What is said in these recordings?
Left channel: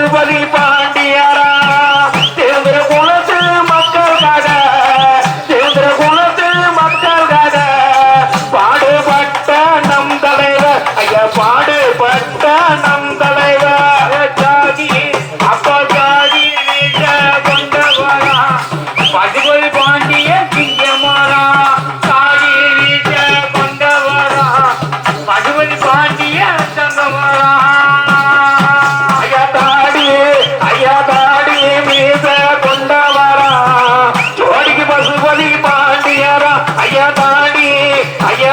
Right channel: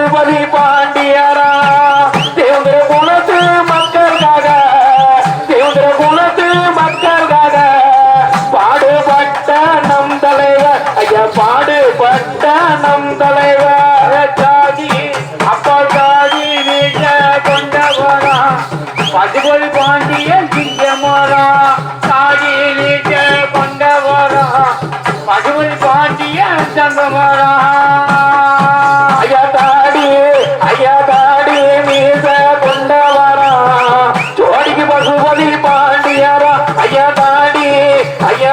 பசுபதி பாண்டியரா. தேவந்திர குலத்து மக்களுக்காக தேவந்திர குலத்து மக்களுக்காக பாடுபட்ட நம் தலைவர். ஐயா பாடுபட்ட நம் தலைவர். அப்போக்காகி நீக்க கொண்டவரா. பசுபதி பாண்டிய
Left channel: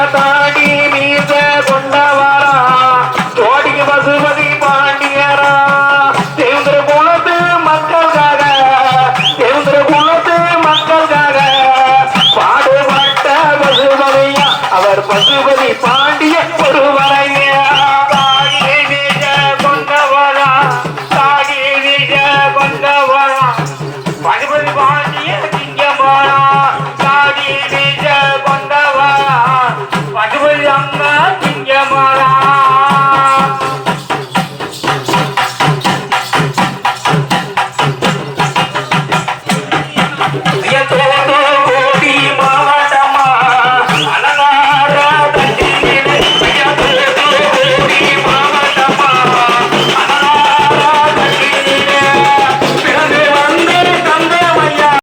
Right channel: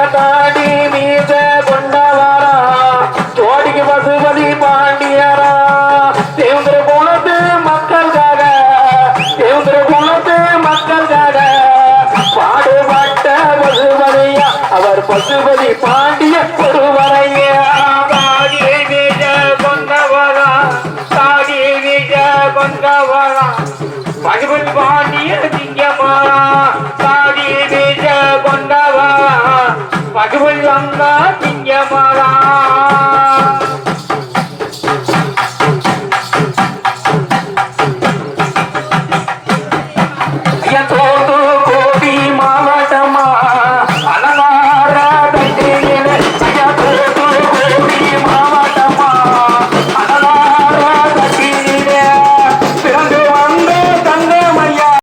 பாடி நீத கொண்டவாரா. ஜோடிக்கு பசுபதி பாண்டியாரா. தேவந்திர குலத்து மக்களுக்காக தேவந்திர குலத்து மக்களுக்காக பாடுபட்ட பசுபதியா. அவர் பசுபதி பாண்டிய பெருவரையா கொண்டவாரா. பாடி கொண்டவாரா. பசுபதி பாண்டி